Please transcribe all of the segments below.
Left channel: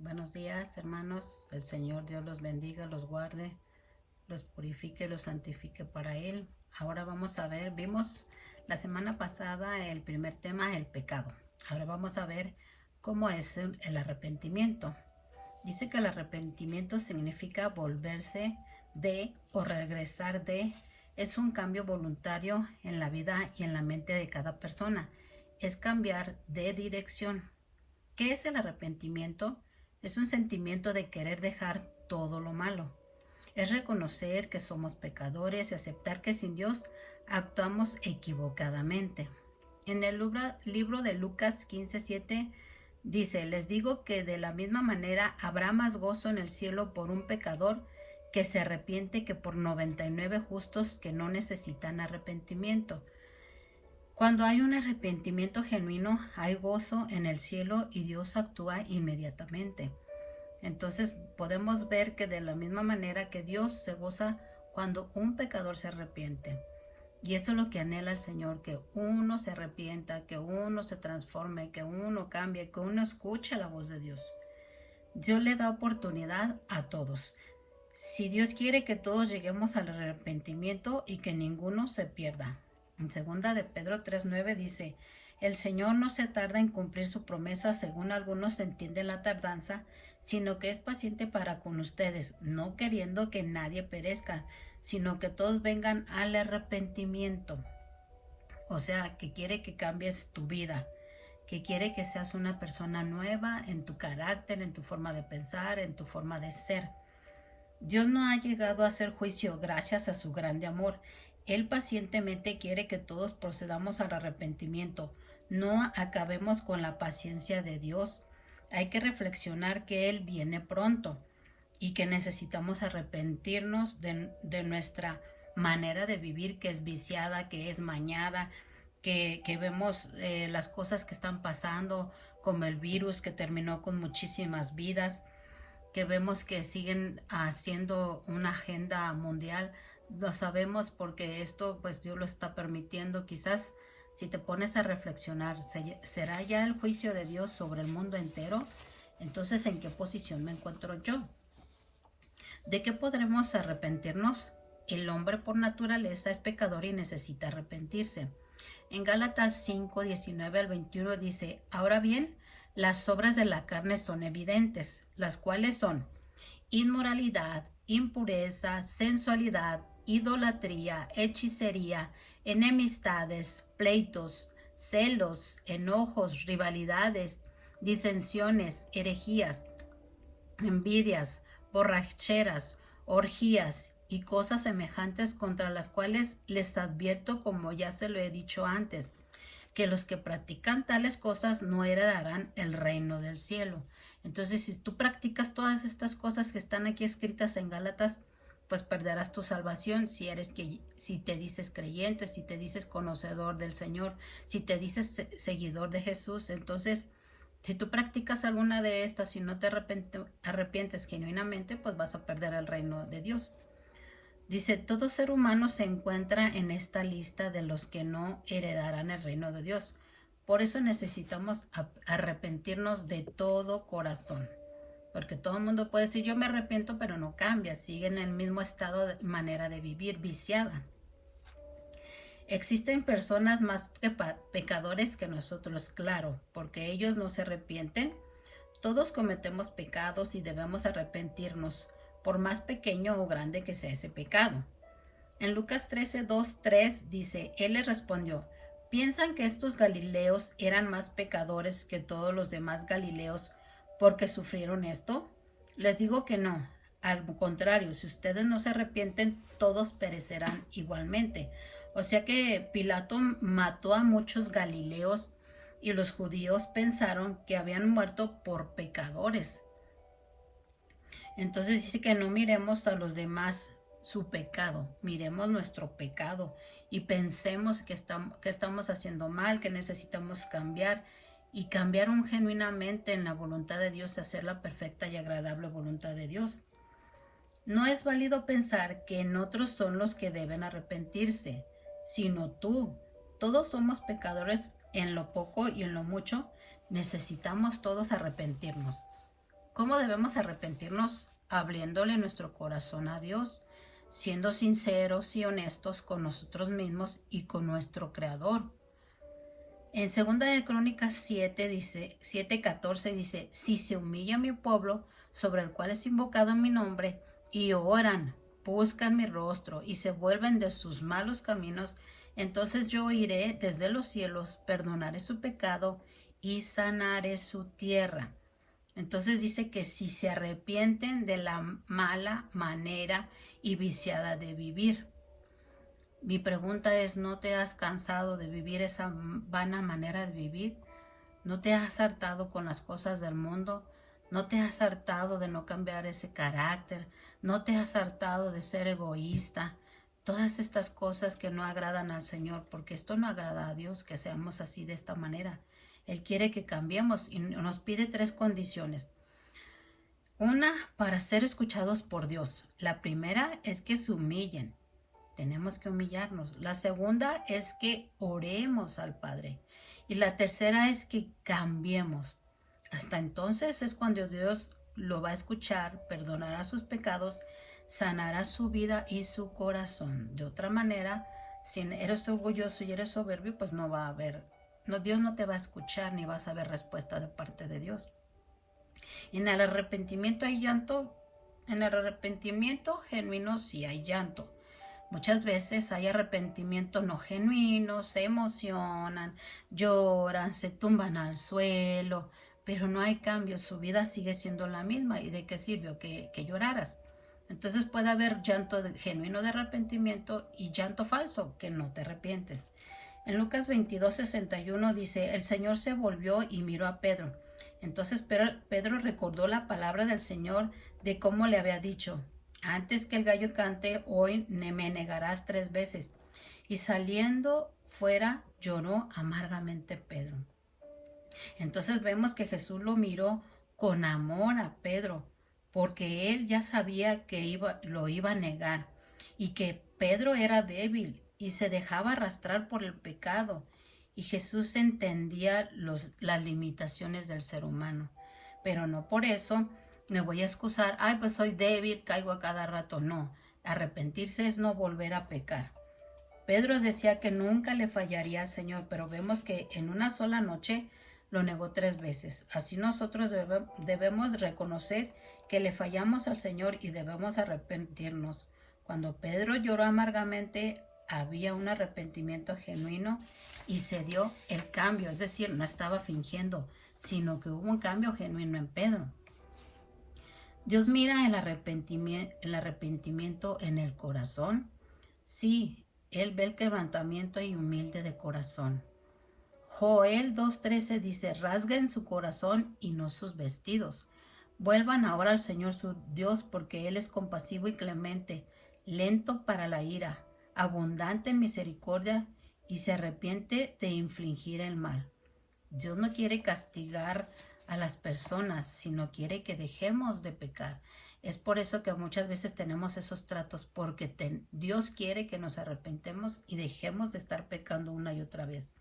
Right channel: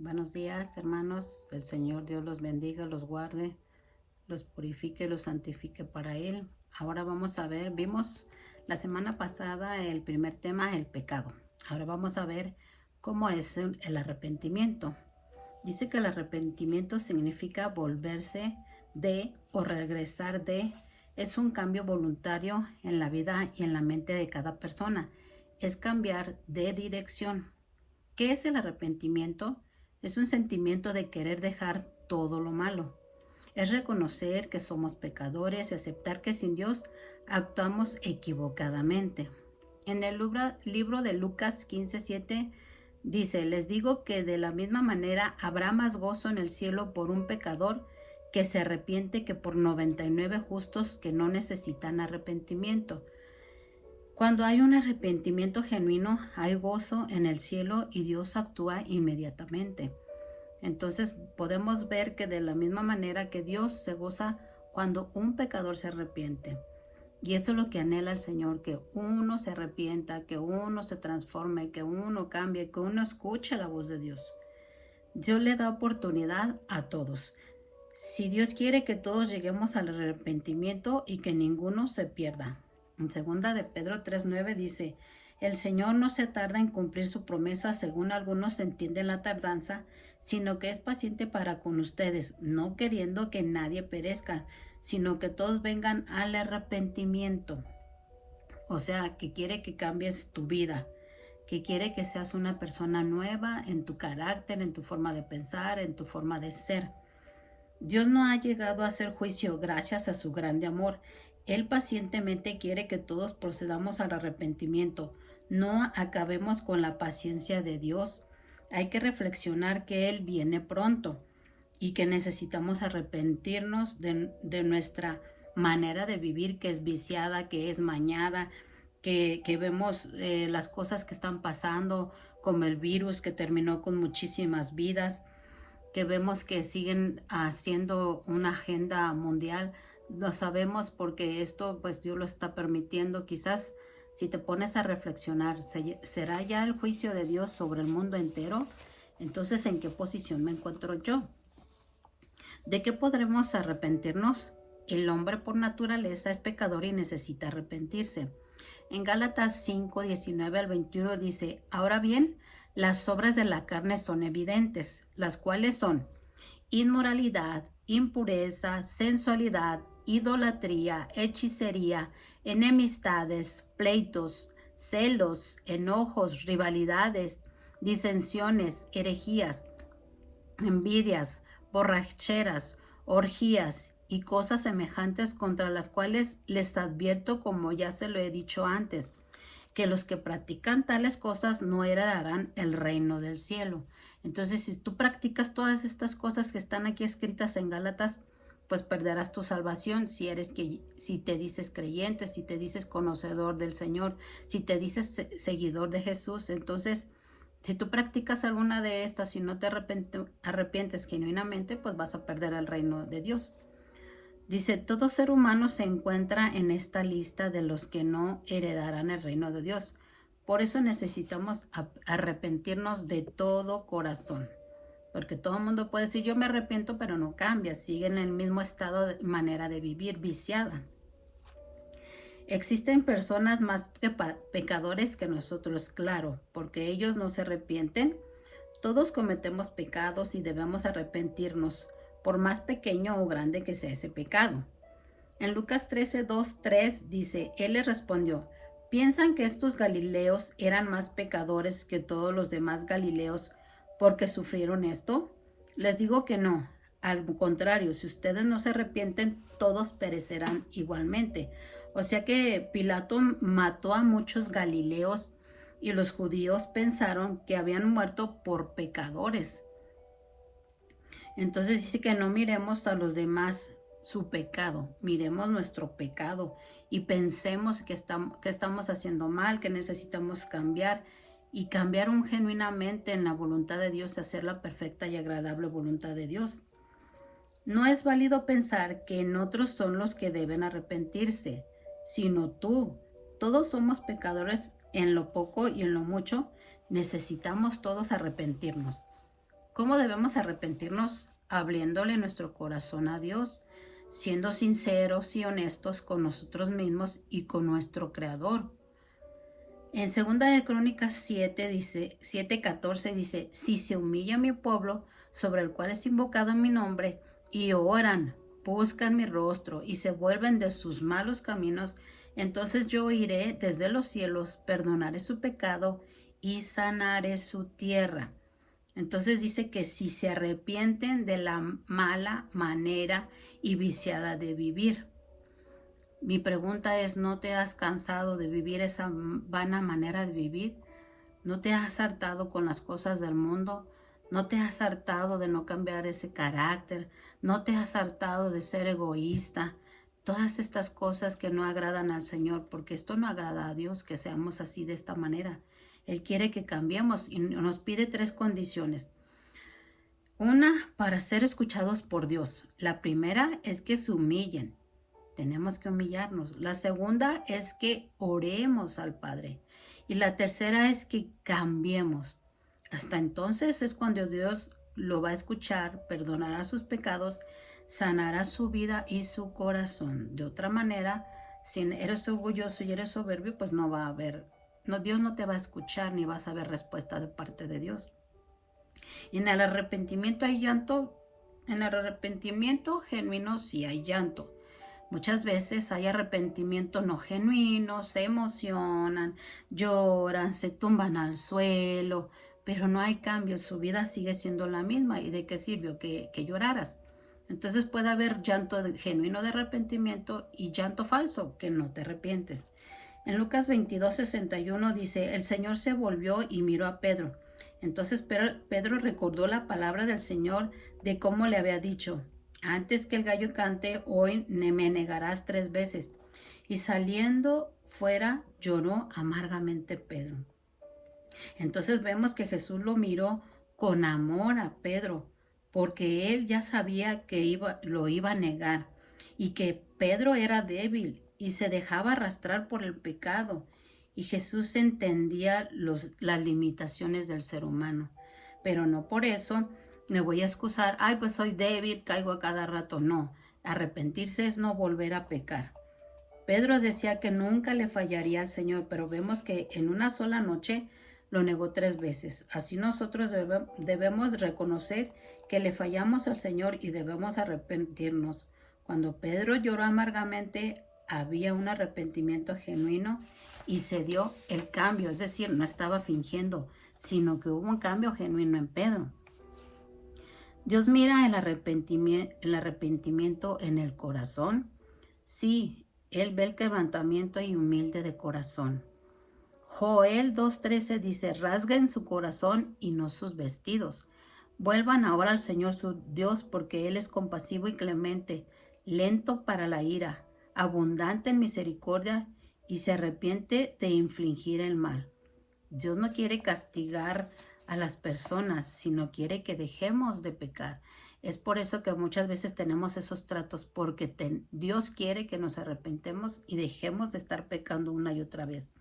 Buenos días, hermanos. El Señor Dios los bendiga, los guarde, los purifique, los santifique para Él. Ahora vamos a ver, vimos la semana pasada el primer tema, el pecado. Ahora vamos a ver cómo es el arrepentimiento. Dice que el arrepentimiento significa volverse de o regresar de. Es un cambio voluntario en la vida y en la mente de cada persona. Es cambiar de dirección. ¿Qué es el arrepentimiento? Es un sentimiento de querer dejar todo lo malo. Es reconocer que somos pecadores y aceptar que sin Dios actuamos equivocadamente. En el libro de Lucas 15:7 dice, les digo que de la misma manera habrá más gozo en el cielo por un pecador que se arrepiente que por 99 justos que no necesitan arrepentimiento. Cuando hay un arrepentimiento genuino, hay gozo en el cielo y Dios actúa inmediatamente. Entonces podemos ver que de la misma manera que Dios se goza cuando un pecador se arrepiente. Y eso es lo que anhela el Señor, que uno se arrepienta, que uno se transforme, que uno cambie, que uno escuche la voz de Dios. Dios le da oportunidad a todos. Si Dios quiere que todos lleguemos al arrepentimiento y que ninguno se pierda. En 2 de Pedro 3:9 dice, el Señor no se tarda en cumplir su promesa según algunos entienden la tardanza, sino que es paciente para con ustedes, no queriendo que nadie perezca, sino que todos vengan al arrepentimiento. O sea, que quiere que cambies tu vida, que quiere que seas una persona nueva en tu carácter, en tu forma de pensar, en tu forma de ser. Dios no ha llegado a hacer juicio gracias a su grande amor. Él pacientemente quiere que todos procedamos al arrepentimiento. No acabemos con la paciencia de Dios. Hay que reflexionar que Él viene pronto y que necesitamos arrepentirnos de nuestra manera de vivir, que es viciada, que es mañada, que vemos las cosas que están pasando, como el virus que terminó con muchísimas vidas, que vemos que siguen haciendo una agenda mundial. Lo sabemos porque esto pues Dios lo está permitiendo. Quizás si te pones a reflexionar, ¿será ya el juicio de Dios sobre el mundo entero? Entonces, ¿en qué posición me encuentro yo? ¿De qué podremos arrepentirnos? El hombre por naturaleza es pecador y necesita arrepentirse. En Gálatas 5:19-21 dice, ahora bien, las obras de la carne son evidentes, las cuales son inmoralidad, impureza, sensualidad, idolatría, hechicería, enemistades, pleitos, celos, enojos, rivalidades, disensiones, herejías, envidias, borracheras, orgías y cosas semejantes contra las cuales les advierto, como ya se lo he dicho antes, que los que practican tales cosas no heredarán el reino del cielo. Entonces, si tú practicas todas estas cosas que están aquí escritas en Gálatas, pues perderás tu salvación si te dices creyente, si te dices conocedor del Señor, si te dices seguidor de Jesús. Entonces, si tú practicas alguna de estas y no te arrepientes genuinamente, pues vas a perder el reino de Dios. Dice, todo ser humano se encuentra en esta lista de los que no heredarán el reino de Dios. Por eso necesitamos arrepentirnos de todo corazón. Porque todo el mundo puede decir, yo me arrepiento, pero no cambia. Sigue en el mismo estado de manera de vivir, viciada. Existen personas más pecadores que nosotros, claro, porque ellos no se arrepienten. Todos cometemos pecados y debemos arrepentirnos, por más pequeño o grande que sea ese pecado. En Lucas 13:2-3 dice, él les respondió, ¿piensan que estos galileos eran más pecadores que todos los demás galileos porque sufrieron esto? Les digo que no. Al contrario, si ustedes no se arrepienten, todos perecerán igualmente. O sea que Pilato mató a muchos galileos y los judíos pensaron que habían muerto por pecadores. Entonces dice que no miremos a los demás su pecado, miremos nuestro pecado y pensemos que estamos haciendo mal, que necesitamos cambiar y cambiar genuinamente en la voluntad de Dios, hacer la perfecta y agradable voluntad de Dios. No es válido pensar que en otros son los que deben arrepentirse, sino tú. Todos somos pecadores en lo poco y en lo mucho. Necesitamos todos arrepentirnos. ¿Cómo debemos arrepentirnos? Abriéndole nuestro corazón a Dios, siendo sinceros y honestos con nosotros mismos y con nuestro Creador. En 2 de Crónicas 7:14 dice, si se humilla mi pueblo, sobre el cual es invocado mi nombre, y oran, buscan mi rostro, y se vuelven de sus malos caminos, entonces yo iré desde los cielos, perdonaré su pecado, y sanaré su tierra. Entonces dice que si se arrepienten de la mala manera y viciada de vivir. Mi pregunta es, ¿no te has cansado de vivir esa vana manera de vivir? ¿No te has hartado con las cosas del mundo? ¿No te has hartado de no cambiar ese carácter? ¿No te has hartado de ser egoísta? Todas estas cosas que no agradan al Señor, porque esto no agrada a Dios, que seamos así de esta manera. Él quiere que cambiemos y nos pide 3 condiciones. Una, para ser escuchados por Dios. La primera es que se humillen. Tenemos que humillarnos. La segunda es que oremos al Padre. Y la tercera es que cambiemos. Hasta entonces es cuando Dios lo va a escuchar, perdonará sus pecados, sanará su vida y su corazón. De otra manera, si eres orgulloso y eres soberbio, pues no va a haber, no, Dios no te va a escuchar ni vas a ver respuesta de parte de Dios. Y en el arrepentimiento hay llanto. En el arrepentimiento genuino sí hay llanto. Muchas veces hay arrepentimiento no genuino, se emocionan, lloran, se tumban al suelo, pero no hay cambio, su vida sigue siendo la misma. ¿Y de qué sirvió que lloraras? Entonces puede haber llanto genuino de arrepentimiento y llanto falso, que no te arrepientes. En Lucas 22:61 dice, el Señor se volvió y miró a Pedro. Entonces Pedro recordó la palabra del Señor de cómo le había dicho, antes que el gallo cante, hoy me negarás 3 veces. Y saliendo fuera, lloró amargamente Pedro. Entonces vemos que Jesús lo miró con amor a Pedro, porque él ya sabía que lo iba a negar y que Pedro era débil y se dejaba arrastrar por el pecado. Y Jesús entendía las limitaciones del ser humano, pero no por eso me voy a excusar, ay, pues soy débil, caigo a cada rato. No, arrepentirse es no volver a pecar. Pedro decía que nunca le fallaría al Señor, pero vemos que en una sola noche lo negó 3 veces. Así nosotros debemos reconocer que le fallamos al Señor y debemos arrepentirnos. Cuando Pedro lloró amargamente, había un arrepentimiento genuino y se dio el cambio, es decir, no estaba fingiendo, sino que hubo un cambio genuino en Pedro. Dios mira el arrepentimiento en el corazón. Sí, Él ve el quebrantamiento y humilde de corazón. Joel 2:13 dice, rasguen su corazón y no sus vestidos. Vuelvan ahora al Señor su Dios, porque Él es compasivo y clemente, lento para la ira, abundante en misericordia y se arrepiente de infligir el mal. Dios no quiere castigar a las personas, sino quiere que dejemos de pecar. Es por eso que muchas veces tenemos esos tratos, porque Dios quiere que nos arrepentemos y dejemos de estar pecando una y otra vez.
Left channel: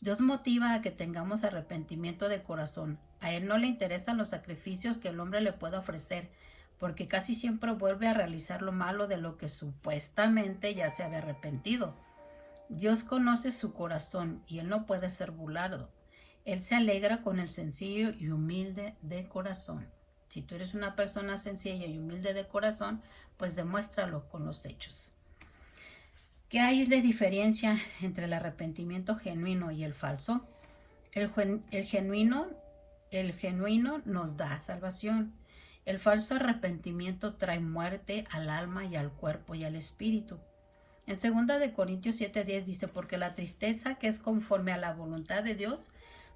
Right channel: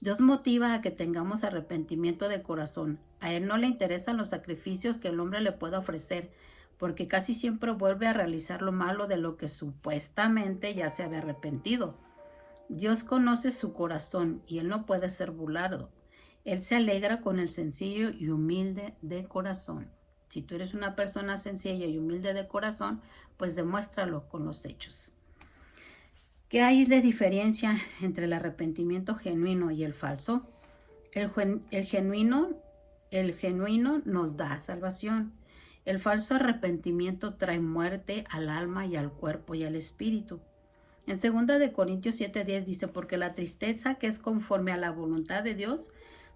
Dios motiva a que tengamos arrepentimiento de corazón. A Él no le interesan los sacrificios que el hombre le pueda ofrecer, porque casi siempre vuelve a realizar lo malo de lo que supuestamente ya se había arrepentido. Dios conoce su corazón y Él no puede ser burlado. Él se alegra con el sencillo y humilde de corazón. Si tú eres una persona sencilla y humilde de corazón, pues demuéstralo con los hechos. ¿Qué hay de diferencia entre el arrepentimiento genuino y el falso? El genuino nos da salvación. El falso arrepentimiento trae muerte al alma y al cuerpo y al espíritu. En 2 de Corintios 7:10 dice, porque la tristeza que es conforme a la voluntad de Dios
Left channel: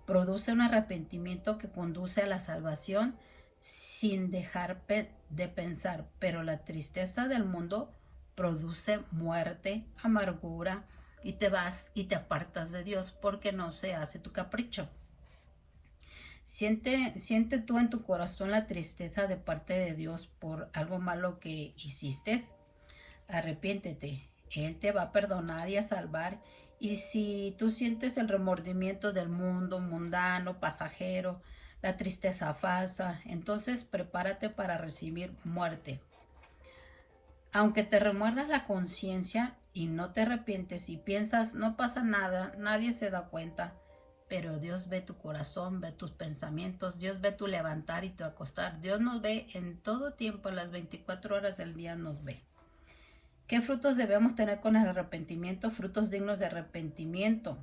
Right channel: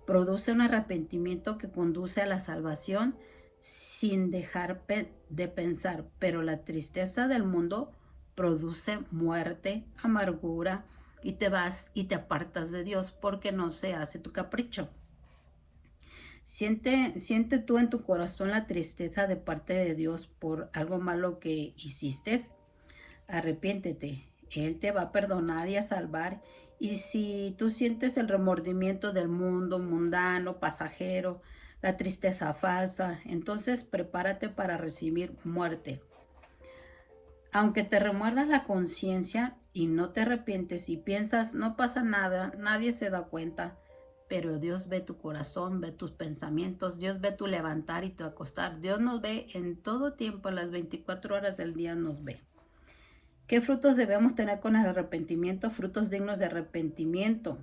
produce un arrepentimiento que conduce a la salvación sin dejar de pensar, pero la tristeza del mundo produce muerte, amargura, y te vas y te apartas de Dios porque no se hace tu capricho. Siente tú en tu corazón la tristeza de parte de Dios por algo malo que hiciste. Arrepiéntete, Él te va a perdonar y a salvar. Y si tú sientes el remordimiento del mundo mundano, pasajero, la tristeza falsa. Entonces prepárate para recibir muerte. Aunque te remuerdas la conciencia y no te arrepientes y piensas, no pasa nada, nadie se da cuenta, pero Dios ve tu corazón, ve tus pensamientos, Dios ve tu levantar y tu acostar. Dios nos ve en todo tiempo, en las 24 horas del día nos ve. ¿Qué frutos debemos tener con el arrepentimiento? Frutos dignos de arrepentimiento.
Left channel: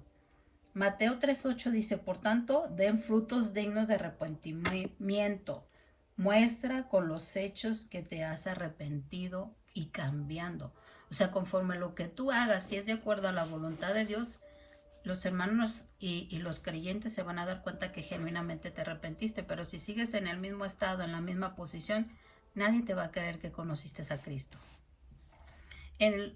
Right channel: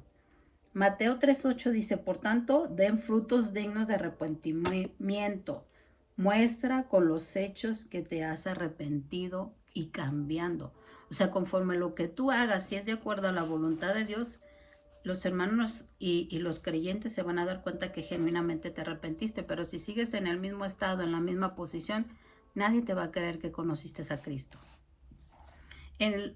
Mateo 3:8 dice, por tanto, den frutos dignos de arrepentimiento. Muestra con los hechos que te has arrepentido y cambiando. O sea, conforme lo que tú hagas, si es de acuerdo a la voluntad de Dios, los hermanos y los creyentes se van a dar cuenta que genuinamente te arrepentiste. Pero si sigues en el mismo estado, en la misma posición, nadie te va a creer que conociste a Cristo.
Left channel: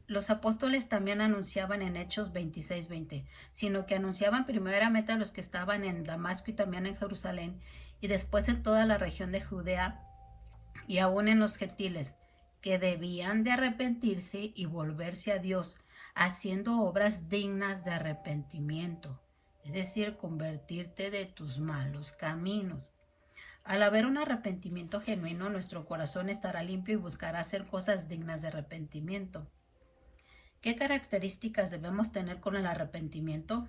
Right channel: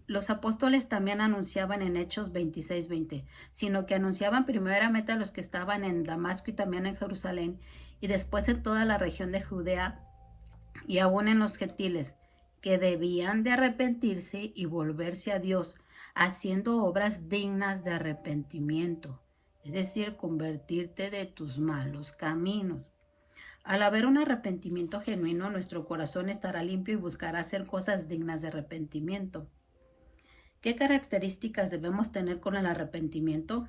Los apóstoles también anunciaban en Hechos 26:20, sino que anunciaban primeramente a los que estaban en Damasco y también en Jerusalén, y después en toda la región de Judea, y aún en los gentiles, que debían de arrepentirse y volverse a Dios, haciendo obras dignas de arrepentimiento, es decir, convertirte de tus malos caminos. Al haber un arrepentimiento genuino, nuestro corazón estará limpio y buscará hacer cosas dignas de arrepentimiento. ¿Qué características debemos tener con el arrepentimiento?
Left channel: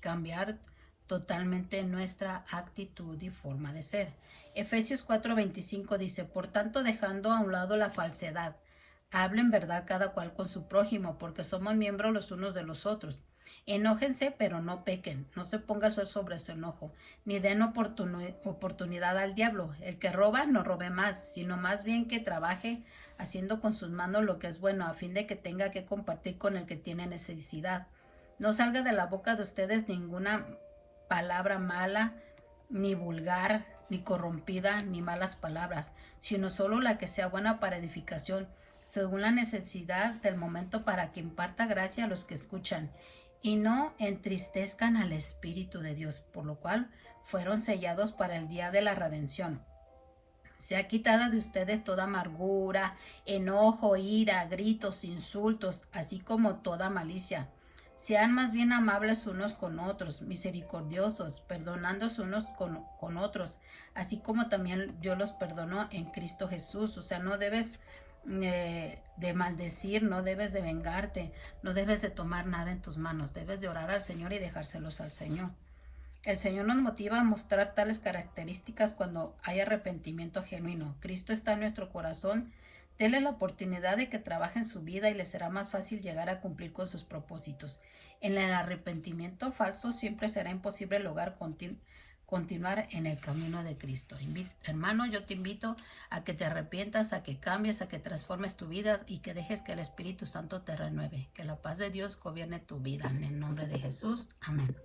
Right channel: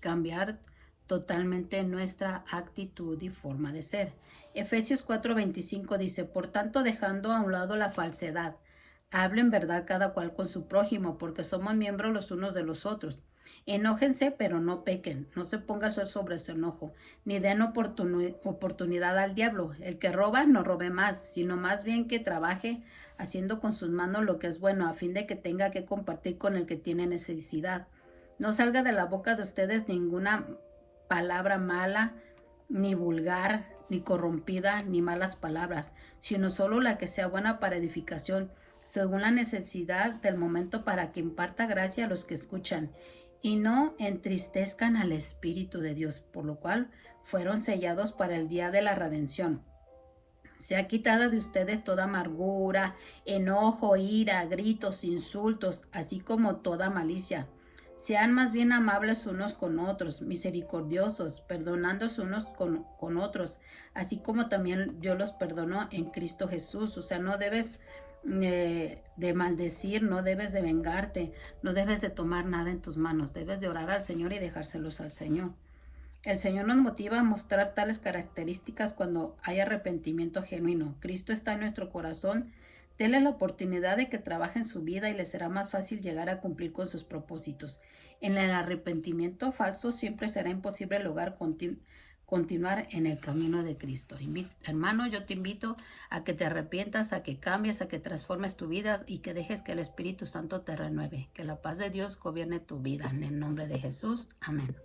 Cambiar totalmente nuestra actitud y forma de ser. Efesios 4:25 dice, por tanto, dejando a un lado la falsedad, hablen verdad cada cual con su prójimo, porque somos miembros los unos de los otros. Enójense, pero no pequen, no se ponga el sol sobre su enojo, ni den oportunidad al diablo. El que roba, no robe más, sino más bien que trabaje haciendo con sus manos lo que es bueno, a fin de que tenga que compartir con el que tiene necesidad. No salga de la boca de ustedes ninguna palabra mala, ni vulgar, ni corrompida, ni malas palabras, sino solo la que sea buena para edificación, según la necesidad del momento, para que imparta gracia a los que escuchan, y no entristezcan al Espíritu de Dios, por lo cual fueron sellados para el día de la redención. Sea quitada de ustedes toda amargura, enojo, ira, gritos, insultos, así como toda malicia. Sean más bien amables unos con otros, misericordiosos, perdonándose unos con otros, así como también yo los perdono en Cristo Jesús. O sea, no debes de maldecir, no debes de vengarte, no debes de tomar nada en tus manos, debes de orar al Señor y dejárselos al Señor. El Señor nos motiva a mostrar tales características cuando hay arrepentimiento genuino. Cristo está en nuestro corazón. Dele la oportunidad de que trabaje en su vida y le será más fácil llegar a cumplir con sus propósitos. En el arrepentimiento falso siempre será imposible lograr continuar en el camino de Cristo. Hermano, yo te invito a que te arrepientas, a que cambies, a que transformes tu vida y que dejes que el Espíritu Santo te renueve. Que la paz de Dios gobierne tu vida. En el nombre de Jesús. Amén.